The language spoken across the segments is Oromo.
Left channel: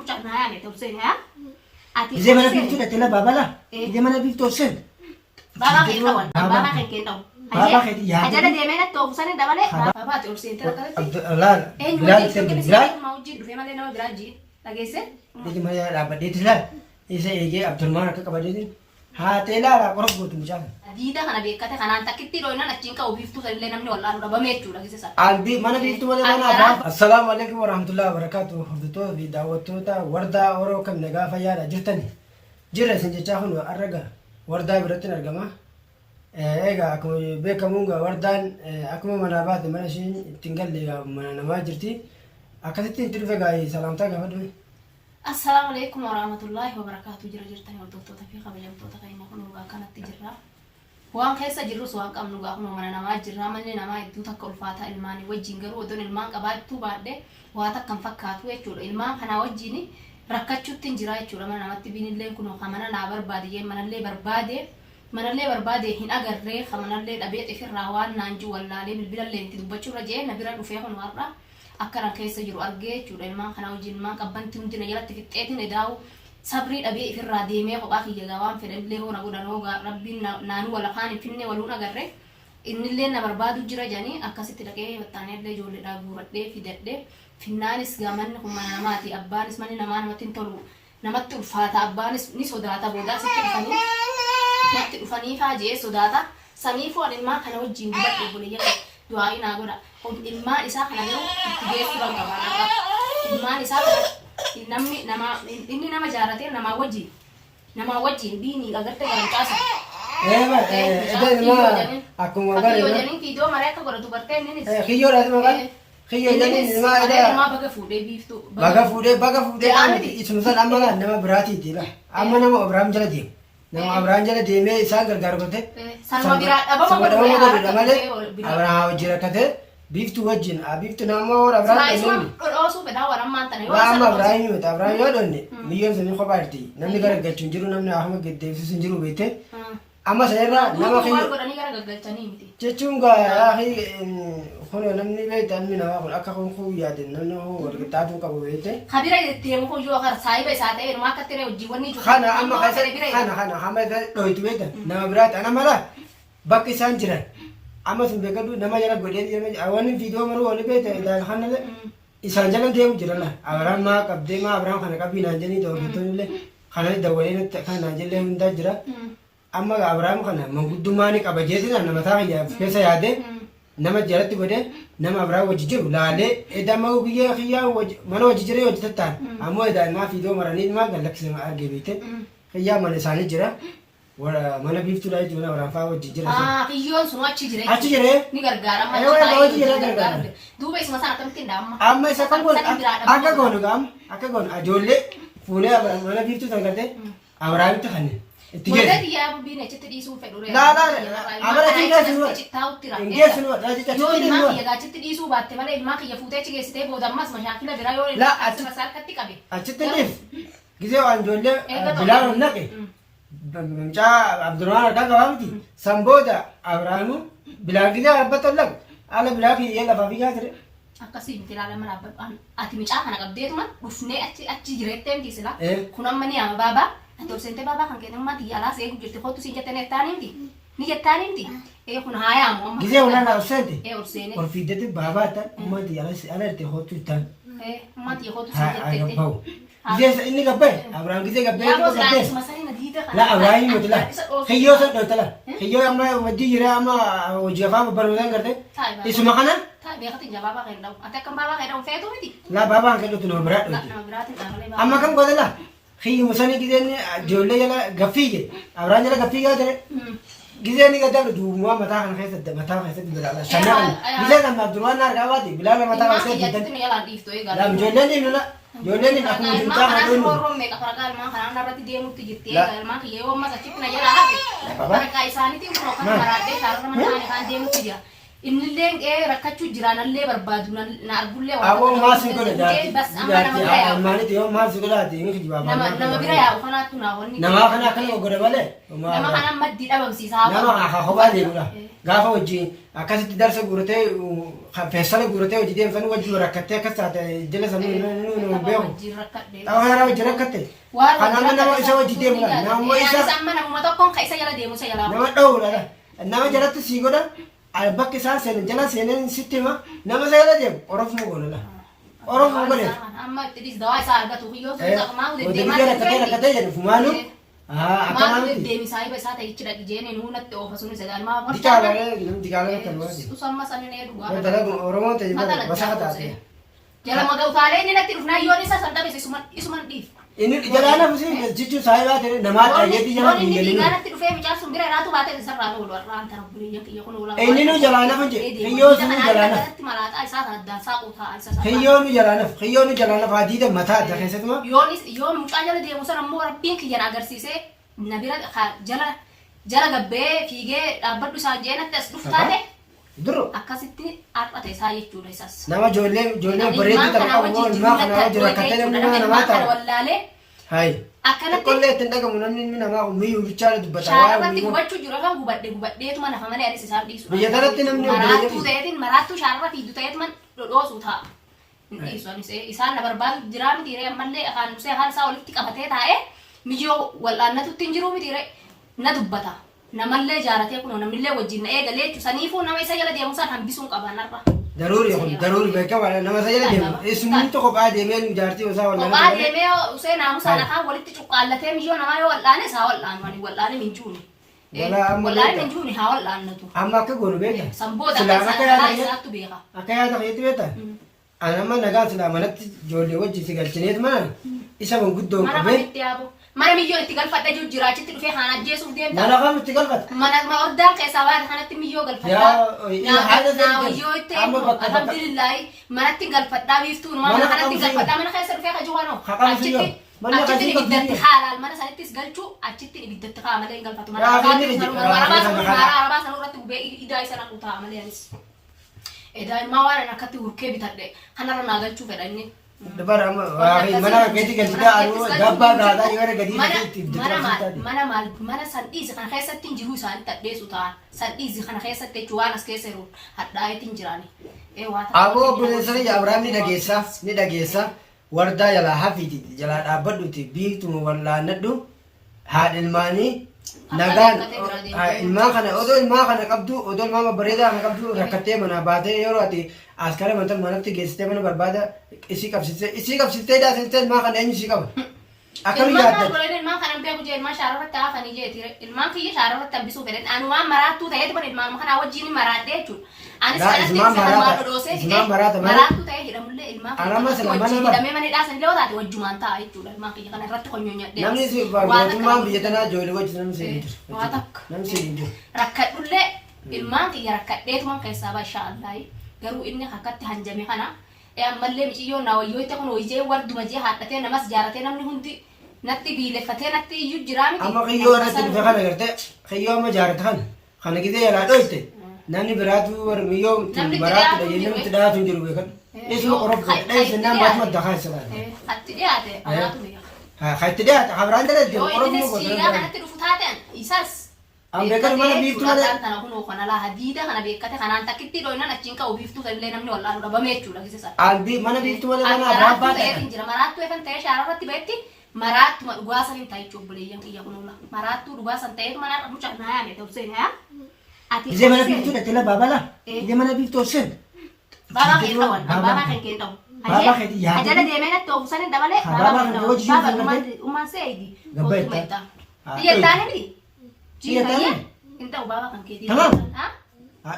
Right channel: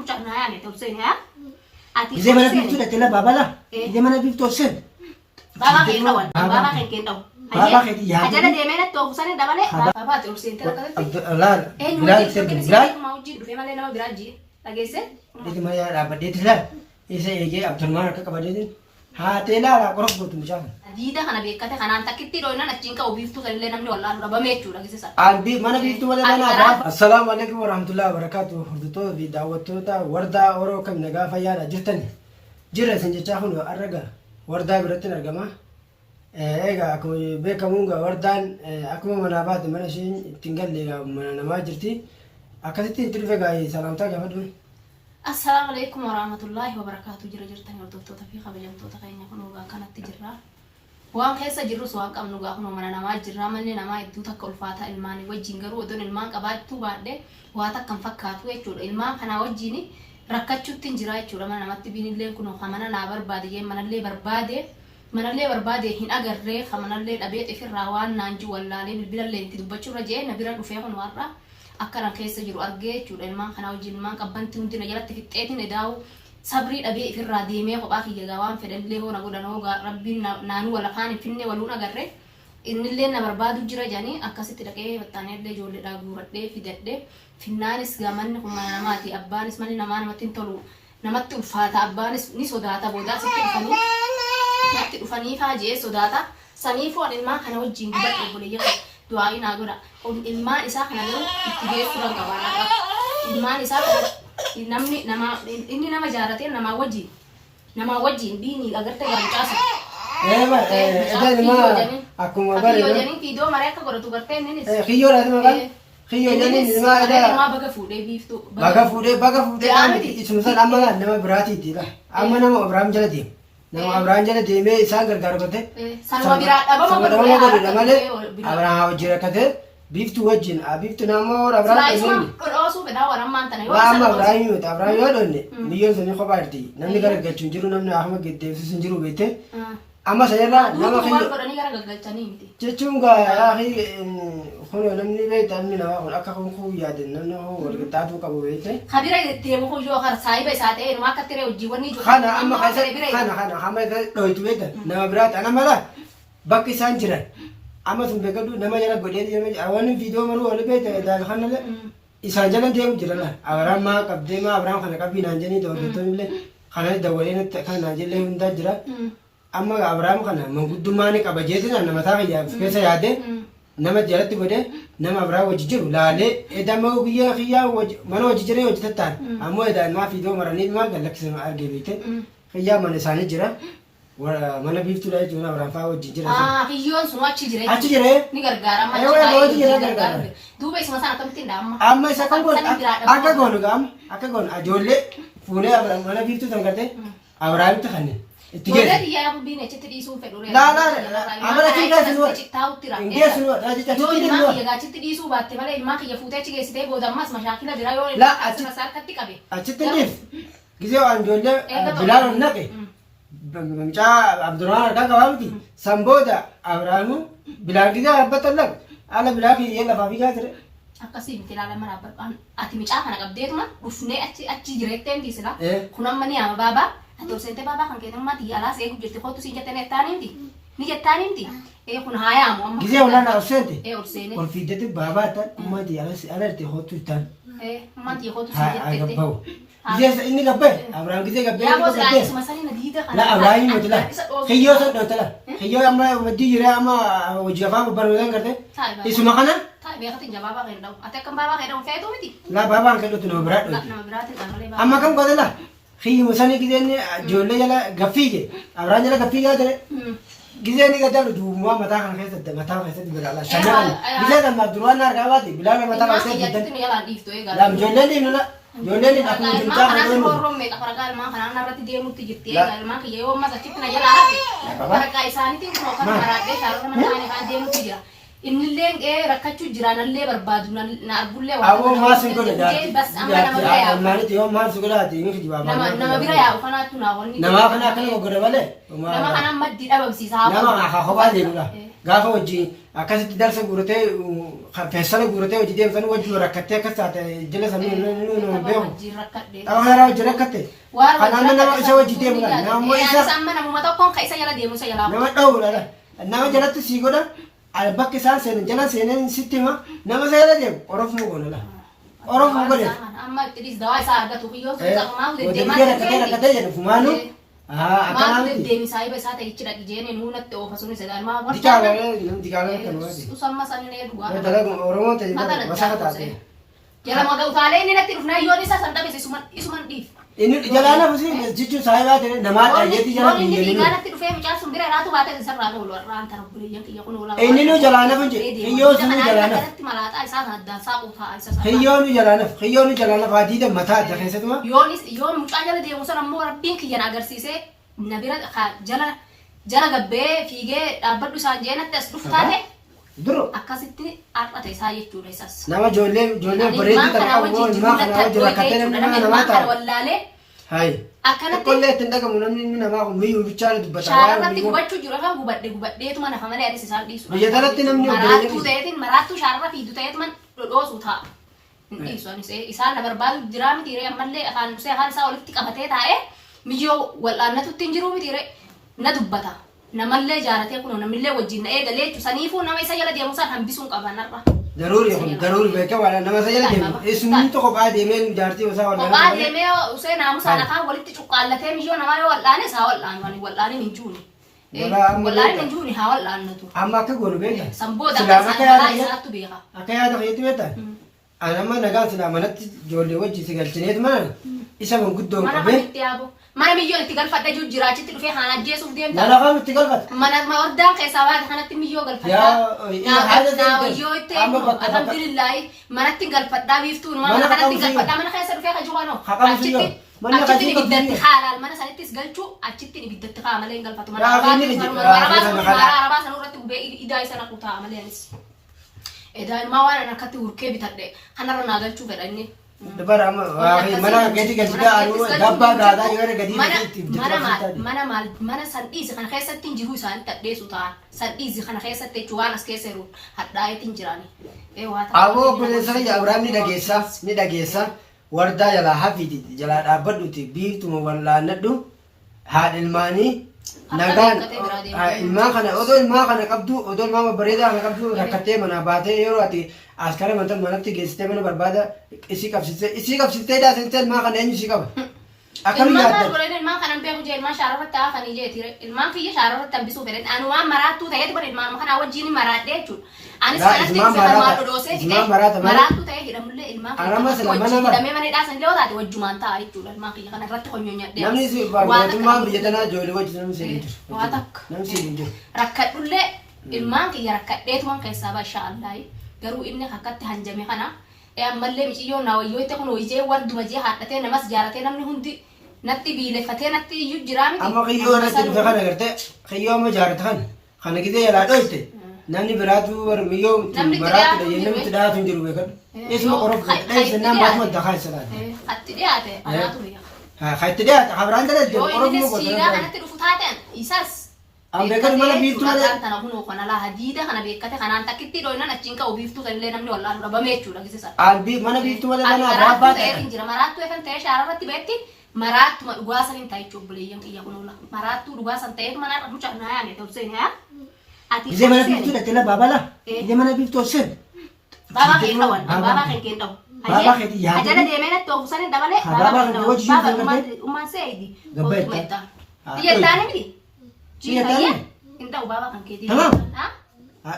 mucakna yani tobsen ha ati Ije mana biftu dah telah baba lah. Ije mana biftu sen. baba kita wan baba kita Baba kedi ya. aja ada demena tobsen dah bale baba tobsen terus Allah. Bilal sen Bilal. mau ji dufe male nama biraji lagi sen Ije mana dapat dia telah. Ije ije Abdul Mar ke kabar dia. Ha telah lah korok buat macam. Dida kana bekate kana takitti roina nachinka ubiftu salile namni wallahi raba mechu lagi sen Albi mana biftu mana mana. Assalamualaikum warahmatullahi wabarakatuh. Hudto di dawatu ta warda oro kam naga fayara jirtan. Jira senje chahun araga. Warda biratin argama. Ega aku bekamunga wardan aku mana bad mana shin tinggal lega mana nama jirti. Akasitin tirvega salam ta gabadu. Assalamualaikum warahmatullahi wabarakatuh jira jirtan wadotto tafi khabajam to takayna kono ga kana tijra waan keessa jirru waan qabnu gaa kun mana nama jirra manni nama iddoo takka ulfaata ilmaani wajjin garuu odoon ilmaan qabaattu baadhe waa takkan fakkaatu jechuudha ilmaan kana wajjin rakkachuutti hin jira jechuudha mana namatti binillee kun mana naa barbaade jee manallee barbaade hin agarree manallee dhabee xifirraa waan naanji wallaalee bilbilallee itti dubbachuurra jee na bira dhufee kun warra akkanan keessa jiru argee jechuudha ilmaan kana wajjin ilmaan qabbanti hundina jalatti fixxeetiin edaawu sabrii dhabee ifirraa deemee kophaa kiyya gawaan fedhallee hoona godhanoo rabbiin naanuu wala kaan finne waluun agarre innillee na barbaadu jira jedhanii akkasitti dhaqee battaaneellee ijoolleedhaa guuradhee fidadhee finnaanis gamanni kun mana namaati abbaanis manni namaa namatti hin tolu namatti ulfaata abbaanis ni sodaata boodaa sitti dhufanii faajee sodaata saniifuu an ilmaan kana wajjin dubadhe obboleeyyaa du'aa'ii naa godha ilmaan isaa kana yeroo itti geessuu barbaada ilmaan isaa namni nama jaarate nama wajjin bini agarte garancaasa Akkuma bare video mare akka godhatu garte innis Kiyyo raatu maqaa Kiyyo jedhanii nama nama baga fuudhee biiftu baga fuudhee isuma nama biraatiiti la amma nama Abrahaam jala deema nama Abrahaam jala deemee isaan gargaaru godhe sanuma biraa dhabama godhe malee Abrahaam wajjin rakkate biftu wajjin biftu namoo Abrahaam deemee dhodhoosu bedhaa warammaan tana yoo amma Abrahaam yoo Abrahaam yoo dhonne biyyoon sun kophaatti namni gargaarchu hin jiru namni ahuma geddeebsisu hin jiru beekte amma sanirraa nama kiyyo godhanii gargalchanii miti jechuun gaa kun namni beekta namni nama kun akka kun yaade namni walqixxaatuu qabu beekte kabira deemu kun yoo kar saayiba isaa ta'e nama akka tiree hojii wanni jiru kana amma kana hamma dhoytu beekta nama biraati ana mala bakki isaan jiran amma sun beekadu nama jala godhee wanni viidiyoo maruu wali beekta daan kanale isaan jala deemu jirala Abrahaam maa qabdee maa Abrahaam kana qabii naan jennii dawwattoonni kana dawalee kan naan jellee hundaa jira amma Abrahaam kana manguddummaa ni qaba jeetiin nama taa keessa yaade nama jalatti godhe nama Abrahaam wajji jiru laalee edamma guyyaa kiyyaa mana wajji jiree hojjetattaan ammoo edaamaa viidiyoo maranii maa gallaksisan argee beekte kiyyaa mana isaanii jira mana biiftuu laa jechuun Abrahaam fa'aa wajji jira. Kiyyoon sun achi jiree. Achi jiree. Ni gargaara. Wajji jiree gargaara. Duuba isuma sana akkamitti dhaama. Amma isa kan goonu akka goonu gaama akka goonu ijoollee fuulee mana biiftuu san gartee Abrahaamitti kanneen. Itti geessu. Wanta biyyaa bubbiin achitti dhiisuun fedhu reefu. Amala xiqqaa Cittaa'utti raafee. Geessu Yoo ilmaan kiyya achitti dhiisuu baatte malee ilmaan kiyya fuutee achi geessitee booda ammas mashaakila biraa yoo ilmaan harkatti qabe. Achitti dhiif. Gisee waan ijoollee bilaan naqe. Mucaa Abdurrahmaan harkaa qabaa miti. San booda Abrahaamu bilaan gisee dhaabbata laga. Haala bilaa fi lafaa fi gaa ture. Akkasii miti ilaala mana abbaan ati mucaa kana qabdeetuma dhufnee achi jireettee miti sila. Kun amma ni ama baabaa. Ati obsente baabaa kan kennummaa xiyyaalaas eegu jirti kootu siin jettee nettaaniimti. Ni jettaaniimti. Kun haayaamu amma. Gisee walaana obsente. Obseene. Ol fiiddatti baabaa ta'an ummaa xiyyaalaas ala irtee hootu ittaan. Ummaa xiyya kootu siin jettee. Gabbaa'u. Gisee inni gabbee Abrahaam gisee gabbee. La Abrahaam miti la. Kiyyoo san dhoota la. Kiyyoo amma waddii jira amma hojii afaan babbareedan garte. Isuma kana. Beekatiin jabaabaa kan dhabu. Ati akkam baabaa kan dhabu feetu miti. La baabaa kan dhootu nama biraa dhooti. Nama biraatiin dhaamalee baabaa. Amma kan godhe la. Kiyyi musanii giseen ijoollee jala gaffii je. Abrahaam jala gaffii gaa ture. Giseen gadaa duubumaa mataa kana keessatti bilaala. Shanna kana. Giseen kan Abdurrahmaan harkaa baate bilaala mataa kana keessatti. La ijoolleen deemu la. Ijoolleen akkuma jirtaa kana deemu. Warroon meeqa faragaa ilmaan kanaan irratti deemutti jirti. Ilmaan kiyya yoo ammas achitti na jala hafe. Faragaa isaaniitiin kun kan maraadhee shaarota mana isaanii kan deemutti jira. Innillee rakkachuu jiraan illee barbaadu na argullee Awwa maas hin godhe bas amma nama bira yaa'u. Maalitti yoo maal si godhaati miti jibaa Nama bira yaa'u kanaatu naa wanni. Nama kana akkana godhe malee. Nama kana maddi dhabamsiisaa. Nama kophaa deemudha. Gaafa wajjin akkasitti darsa guuratee feessala guuratee hojii deemsan wajjin rakkattee akkas taate jala samii nu beeku. Xaafaa yaraa wajjin rakkatte. Kanaan nama isa hojii deemudha. Naammoo isa. Amma namuma tokkoon ka isa jala deemu isa jalaa. Nama dhawudha. Nama jalatti sii godha. Bakki isaan seenan jala seenan sitti hima. Nama isa jala deemu Oromoo goonala. Oromoo godhe. Amma itti dawaa isaa argatu kiyyoo suuqamaa deemaa rakkatee jedhu fumaanu. Akkanaan deemisaa iba isaa ta'e ichidha ijeen nuunatti oofa sun isa galmaa Dikaalee kan waati. Usamma sanin dhugaa. Dalagu Oromoo ta'e basaa taate. Jala magawtaalee inni natti dhufnaa yoon isa san dhabes isuman dhiif. Inni jalaana fusi jechuun saayibaa ta'e namaa dhageetti jala hin jedhin. Inni natti dhufee mucaan sun bira raatu baatee isarraa oolu warraan tara buleeyyan kiyya kun oolaa. Inni nu jalaana fuji hiyyoo sunu jalaana. Kanatti malaaxaa isaa kan addaan saaquu ta'a isa sana. Hiyyoo nu jalaana faadiida mataa adda keessatuma. Yoon mucaan jala deemu sana ammoo rabbiin kiyyan agarsiisee na bira jala gabbee fiigee dhaabbadhu isaan jeenatti as dhufu taate. Duro akkasitti arfata isaa jechuudha isas. Nama ijoollee bareedduu ta'e qabu ilmaa kana wajjin rakkatee namni namaa ta'a. Wallaalee. Hayi. Akkanatti. Qollee ittiin dhagamu namni namaa kun miyyuu bichaa dubbata. Shaararratti gubachuu jiru kan gubadheetuma nafa malee adees isaan dhiisu. Biyya kanatti namni maraattuu ta'eetiin maraattuu shaararra fiidu ta'eetuma dhodhoosu ta'a. Hin dhiisu isaan na barbaadu jiraa mitiiree ammallee afaan isaa walitti qabatee taa'ee miyyoo wal'aannatutti hin jiru mitiiree na dubbata. Namallee jaalatee kun namillee wajjin na eegalee jechuun saniifuu nama isa jala deemu isaan hambisuun qaban har'a. Daruuri beekaa waan nama isa jala deemu. Isumni tokko kophaa deemee jaartii isaa wal'aanaa. Kophaa deemee usee naamusaan afaan walitti cuqqaallatee miyyoo namaa yoo wal'aane isaa wal'aanu wal'aane hin juuni. Wal'aane hin juuni haa wal'aannatu. Amma akka goonu beeka. Sanboota akka isaatu beeka. Akka yaada keetti beekta. Anamma nagaan silaa manatti ijoollee wajjin si galchineet mana isa manguddoo qabee. Mana miyyoo itti galfadha jiru jira achitti dhufee haan ajjeesuuf deemta. Mana kam itti galfata? Mana oddaan keessaa waan kanatti miyyoo galfadha. Naawayyoo itti alhamdulillahi manatti galfadhaa biiftuun mana kanatti galfadhaa mana keessa dhufee ka jiru achitti ibiddatti haalaan mana sanittis galchuu achitti ibiddatti haa malee hin galfatu. Mana arabaa sanurratti gubee idaa isa naqu ta'a malee anis. Daa'immaa waan akkatti hurkee bitadhe kanarra naa galchuu fedha inni. Dabara mana gadi anu dabbaa gaadaa yoo gadi mana san dhiisi kana keessatti hin jiru isaan tadheessu ta'an san dhiisi kana keessatti jechuun waan as keessa jiru hadhaa'eetti hin jirani. Aboo obboleessanii Abiraam ni dhageessa wardaa jalaa hafiiti jalaa dhaabbadhuti biiftuma wallaannadhu haadha ilmaanii nagaan ilmaan kana odoo ilmaa kana qabdu odoo ilmaa bareedaa kana qabdu rakkattee mana baatee yeroo ati askara manatti geessitee mana barbaada isii qabsistee daasistee ilmaa kana eenyu isii qaba. Akkam yaadda. Ilmaan kana beeku jee ilmaan shaararratti haafanii jeetire ilmaan kiyya shaararratti hambisuu fedhan anu waan maraattuu ta'eetu bara ilmaan kana wajjin maraadhee jechuudha. Anis kanatti ilmaan dhodhoosee maraattuu ta'ee hidhamullee ilmaan wajjin hidhamee mana hidhaasan illee taate wajjumaan ta'a jechuudha ilmaan kiyya kana irratti honyonyadhee. Namni si barbaadummaan biyya tanaa ijoollee wajjin namni si hin jiru. Waa takka. Namni si hin jiru. Rakkadhullee ilmaan kiyya rakkadheetumaan keessaa bashaa Allaahi garuu inni akkatti hanjame kana ammallee miciyyoon naawayyoo itti kun hojii walduma jee haadhatee namas jaaratee namni hundi natti biileffatee natti iyyuu jiraa miti. Amma qiyyoo irratti dhufe kana gartee qiyyoo amma jaarata kana gisee jalaa dhoyte namni biraatu warmiyyoo maraatti dhayyee namatti dhaatu hin jiru beekadhu. Isuma qorof dheessannaan baatuma dakaa isa laata. Hatti dhiyaate amaatu beeka. Hatti dhiyaate habiraan dhalee yoo inni siidaa kanatti dhufu taateen isas. Beekatu mana biiftuu malee. Kana kunoo kana laa hadiida kana beekate kanaan takkitti dhoynan achiin ka'u biiftuu sanillee namni wal'aanu dhabame jechuudha gisisa. Mana biiftuu malee mana abbaa ta'e. Maraattuu eegan ta'ee shaararratti beekti. Maraatuma dhugaasan hin ta'ichu obboleeyyan kiyya kun oola. Maraattuu dhugaasan ta'eetu mana mucaa naa yaame ta'u seen yaa. Ije mana biiftuu dhatte la baabala. Ije mana biiftuu seen. Baabaa kee dhawan. Baabaa kee kee dhawu. Baabaa kee yaa. Ajala deemee natti oofu sanin dabalee. Baabaa kee hojii jiru gargaaru. Ummaan seeyidi. Gabbaetta. Biyya taaniti. Biyya taaniti. Hin ta'u baabaa kan keetii. Tamam.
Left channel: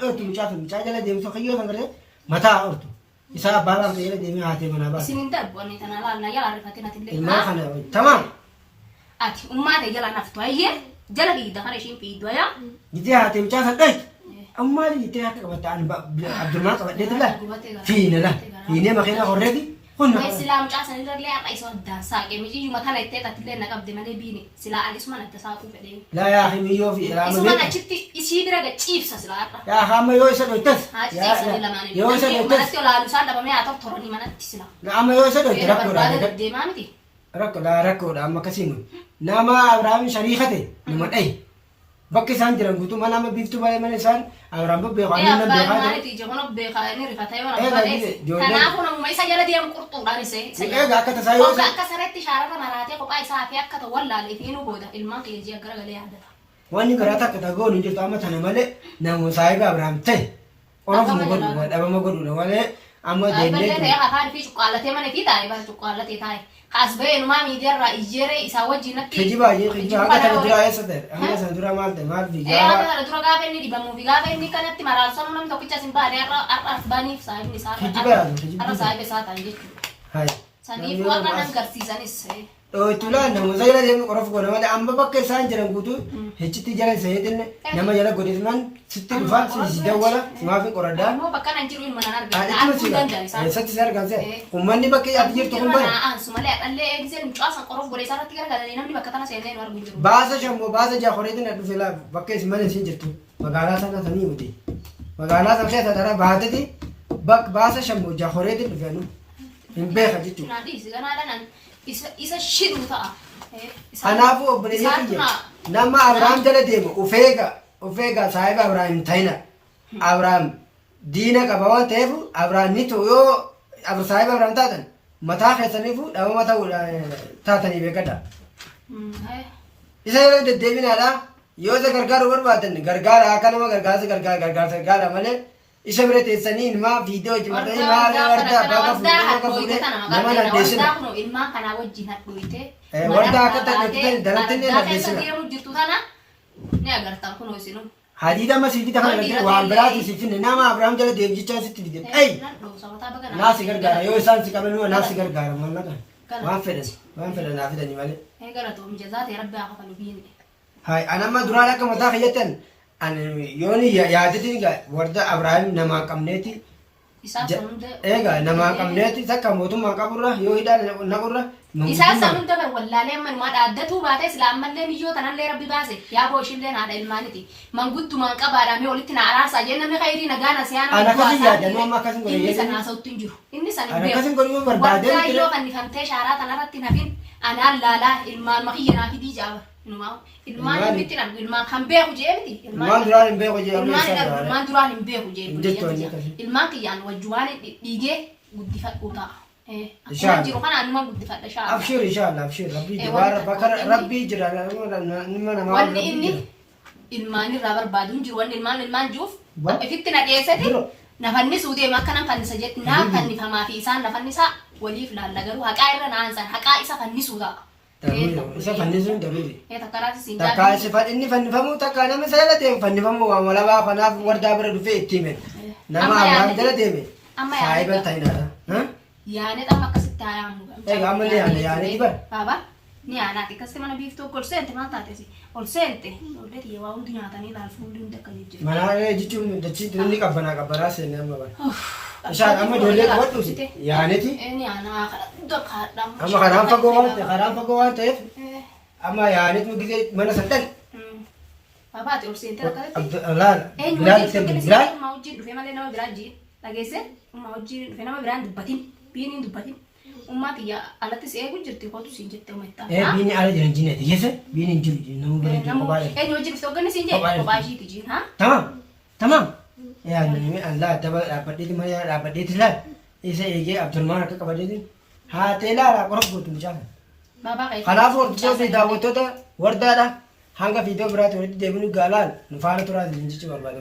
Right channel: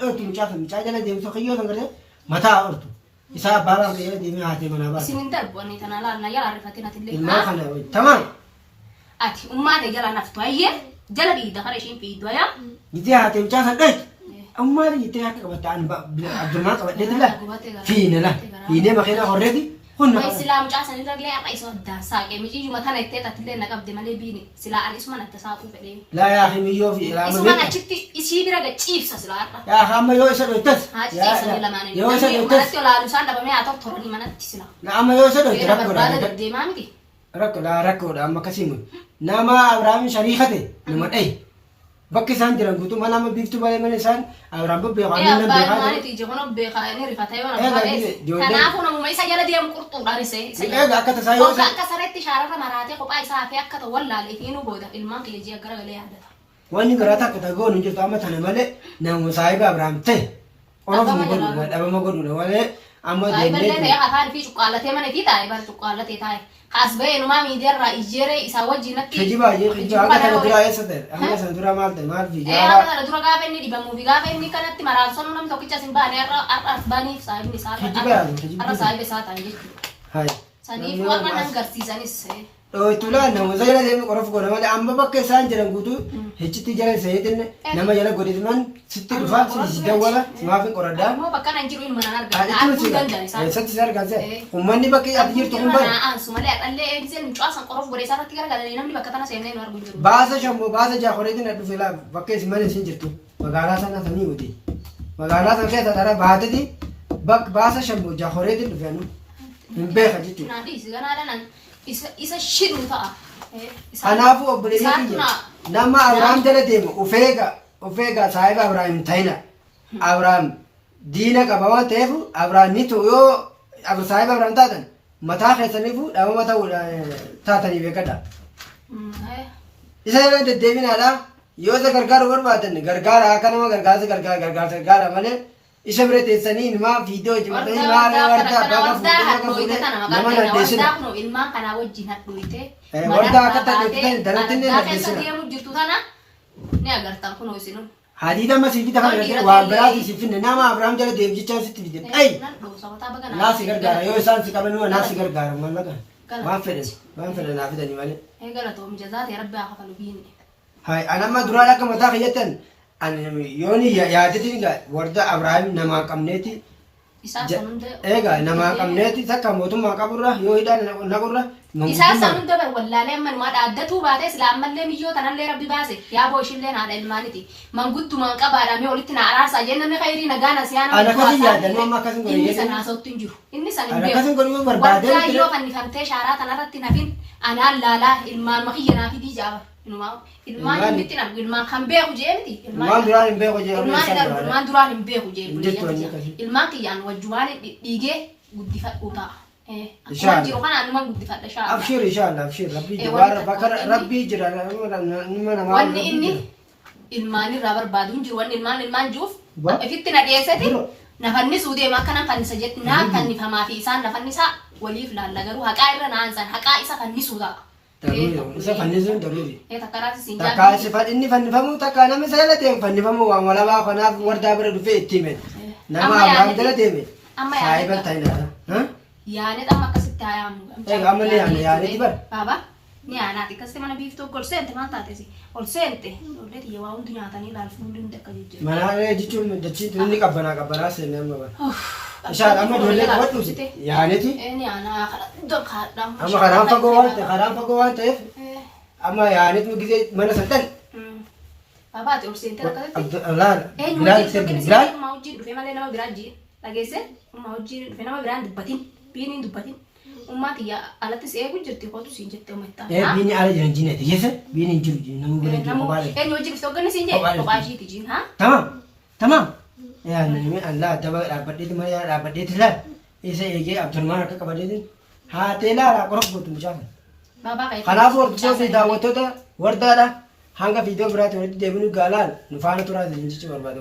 Dhootu mucaa jala deemsa qiyyoo san gartee mataa hortu. Isa baabaa kee jala deemee haatee mana baasa. Isin hin darbu ani tana laa na yala arifatin atillee. Ilmaa kana tamam. Ati ummaa de jala naftu ayyee jala biida kana ishiin fiiddu ayaa. Gitee haatee mucaa san dhayte. Ammaa gitee akka qabatte ani Abdulmaa qabadhee tila. Fiine la. Fiinee makiinaa horreeti. Hunna Mai kana. sila mucaa san irra illee har'a isa addaan saaqe mijiyyuma tana ittee tatillee na qabde malee biine silaa ani isuma natti saaquu fedhee. Laa yaa akhi miyyoo fi ilaa Isuma malee. achitti isii bira gachiifsa silaa har'a. Yaa hamma yoo isa dhoytas. Haasiisanii lamaan Yoo isa dhoytas. manatti olaalu isaan dhabamee haa ta'u toranii manatti silaa. Amma yoo isa dhoyte Beera rakkoodha. barbaada deddeemaa miti. Rakkoodha amma akkasii mun. Nama Abrahaam shariikate nama dhayi. Bakki isaan jiran guutuu mana amma biiftuu baay'ee mana isaan Abrahaam bebbeeku Ee amma nan abbaan beekaa maaliif ija kun beekaa inni rifata yoo Eega, nama ijoolleen- kanaafuu namuma isa jala deemu qurxuudhaan isa Eega akka tasaa yoo Waggaa isa akka sareetti shaarata maraatee kophaa isaa fi akka ta'u wallaalee fi nu booda ilmaan kiyya ji'a garagalee yaadata. wanni biraa takka tagoon hin jirtu amma tana malee nama saahiba Abrahaam ta'e orofuma godhuudha dhabama godhuudha malee amma Baay'ee ta'e deemnee afaan fi cuqqaallatee mana fi taa'e bara cuqqaallatee taa'e. Kaas ba'ee numaa miidiyaarraa ijjeeree isaa wajjin natti. Keji baay'ee keji akka tana duraa eessa ta'e amma sana duraa maal ta'e maal fi Ee jaara akka kana dura gaafa inni dhibamuu fi gaafa inni kanatti maraasonu namni tokkicha sin baane har'a baaniif saahibni isaa har'a saahiba isaa ta'an jechuudha. hayi Saniif warra nan garsiisanis. dhoytuula nama jala deemee qorof godha malee amma bakka isaan jiran guutuu hechitti jala isaaniitiin nama jala godhituman sitti dhufa si dawwala simaaf hin qoraddaa Ammoo bakka nan jiru hin mana argaa. haadhitti Arguu nuti danda'a isaan. eessatti si argamse uummanni bakka ati jirtu kun bara Aansu malee dhallee eegisee mucaa san qorof godhee isaarratti garagalanii namni bakka tana seennee nu arguu jiru. baasa shammoo baasa jaakoreetiin na dhufe laa bakka isin mana isin jirtu magaalaa sana sanii miti magaalaa sana keessa dara baateti baasa shammoo jaakoreetiin dhufe anu hin beeka jechuudha. Naan dhiisi ganaadha nan isa shidhu ta'a. Kanaafuu obboleeyyan kiyya nama Abrahaam jala deemu ufeega saahiba Abrahaam hin ta'ina. Abrahaam diina qaba waan ta'eef Abrahaam ni ta'u yoo saahiba Abrahaam taatan mataa keessaniifu dhabama ta'uu taatanii beekadha. Isa yeroo deddeebinaadha yoo isa gargaaru barbaadan gargaara akka nama gargaara malee isa bira teessanii ilmaa viidiyoo hojjetatanii maal wardaa bakka fuudhee nama naddeessina. Ilmaan kanaa wajjin hadhooyte. Wardaa akka ta'e daratti illee naddeessina. Deemu jirtu tana ni agartan kunoo isinu. Hadiida amma siif bita kana waan biraati siif finne nama Abrahaam jala deemu jechaan sitti fide. Ey! Naasi gargaara yoo isaan si qaban naasi gargaara mallaqa. Waan fedhan naa fidanii malee. Galatoom jazaate rabbi haa kafalu biinne. Hai anamma duraan akka mataa kiyyattan yooni yaadetiin warda Abrahaam namaa qabneeti. Isaa san hunda. Egaa namaa qabneeti takka mootummaa qaburra yoo hidhaan naqurra. Isaa san hunda bar wallaalee ammanumaa dhaaddatuu baatee islaammallee niyyoo tanallee rabbi baase yaa booshiillee haadha ilmaaniti manguddumaan qabaadhamee walitti na araarsaa jee namni khayrii nagaan asiyaana. Ana akkasii yaadannoo amma akkasii godhee. Inni sana haasawutti hin jiru. Inni sana hin Ana beeku. akkasii godhee barbaadee. Waggaa yoo fannifamtee shaaraa tanarratti nafin anaan laalaa ilmaan makiyyanaa fi diijaaba. Ilmaan inni argu ilmaan kan beeku jeemti. Ilmaan duraan hin beeku jee. Ilmaan duraan hin beeku Jettoonni jee. akkasii. Ilmaan kiyyaan wajjumaan dhiigee guddifadhuu ta'a. Inshallah. Akkuma jiru kanaan numa guddifadha shaaraa. Abshir inshallah abshir rabbi Eh, jawara wanta- bakar wanta rabbi jira nama nama Wanni inni ilmaan irraa barbaadu hin jiru. Wanni ilmaan juuf Ba? ifitti na dhiyeessati Biro. nafannisuuf deema akka nan fannisa jetti naan fannifamaa fi isaan nafannisaa waliif laalla garuu haqaa irra naan san haqaa isa fannisuu ta'a. daruri isa fannisuun daruri Takkaraatti siin takka isa inni fannifamu takka nama seela deemu fannifamu waan walabaa kanaaf wardaa bira dhufee itti hime nama Abrahaam jala deeme Amma saahiba yaadata. ta'inaadha Yaane xamma akkasitti haa yaamu. Egaa amma ni yaane, yaaneeti bara. Baaba ni yaanaati akkasitti mana biiftuu ol seente maal taatesi ol seente ollee xiyya waa hundi nyaatanii ilaalfu hundi hundi akka jijjiiru. mana jechuun dachii inni qabbanaa seenne amma bara ishaan amma ijoollee qabadhuusi yaaneeti Ni yaanaa kadhadhaan. amma karaan fagoo waan ta'eef amma yaaneetu gisee mana saddan Baabaati ol seente akkasitti. laala bilaal sirgin bilaal Ummaa wajjin dhufee malee nama biraa jii dhageesse ummaa wajjin dhufee nama biraan dubbatin biiniin dubbatin ummaa kiyya alattis eegu jirti kootu siin jettee uummattaa. biini ala jiran jineeti keessa biini hin jiru nama bira jiru kophaa dha Eenyu wajjin dhufte hogganni siin jee kophaa ishiiti jiin haa. tamam yaa nami allah daba dhaabbadheeti mana dhaabbadheeti laal isa eegee abdulmaan akka qabadeetiin haatee laala qorof gootu mucaa Baabaa ka'e. kanaaf hordoftoota daawwattoota wardaadha hanga viidiyoo biraatti walitti deebinu gaalaal nu faana turaa jechuun barbaada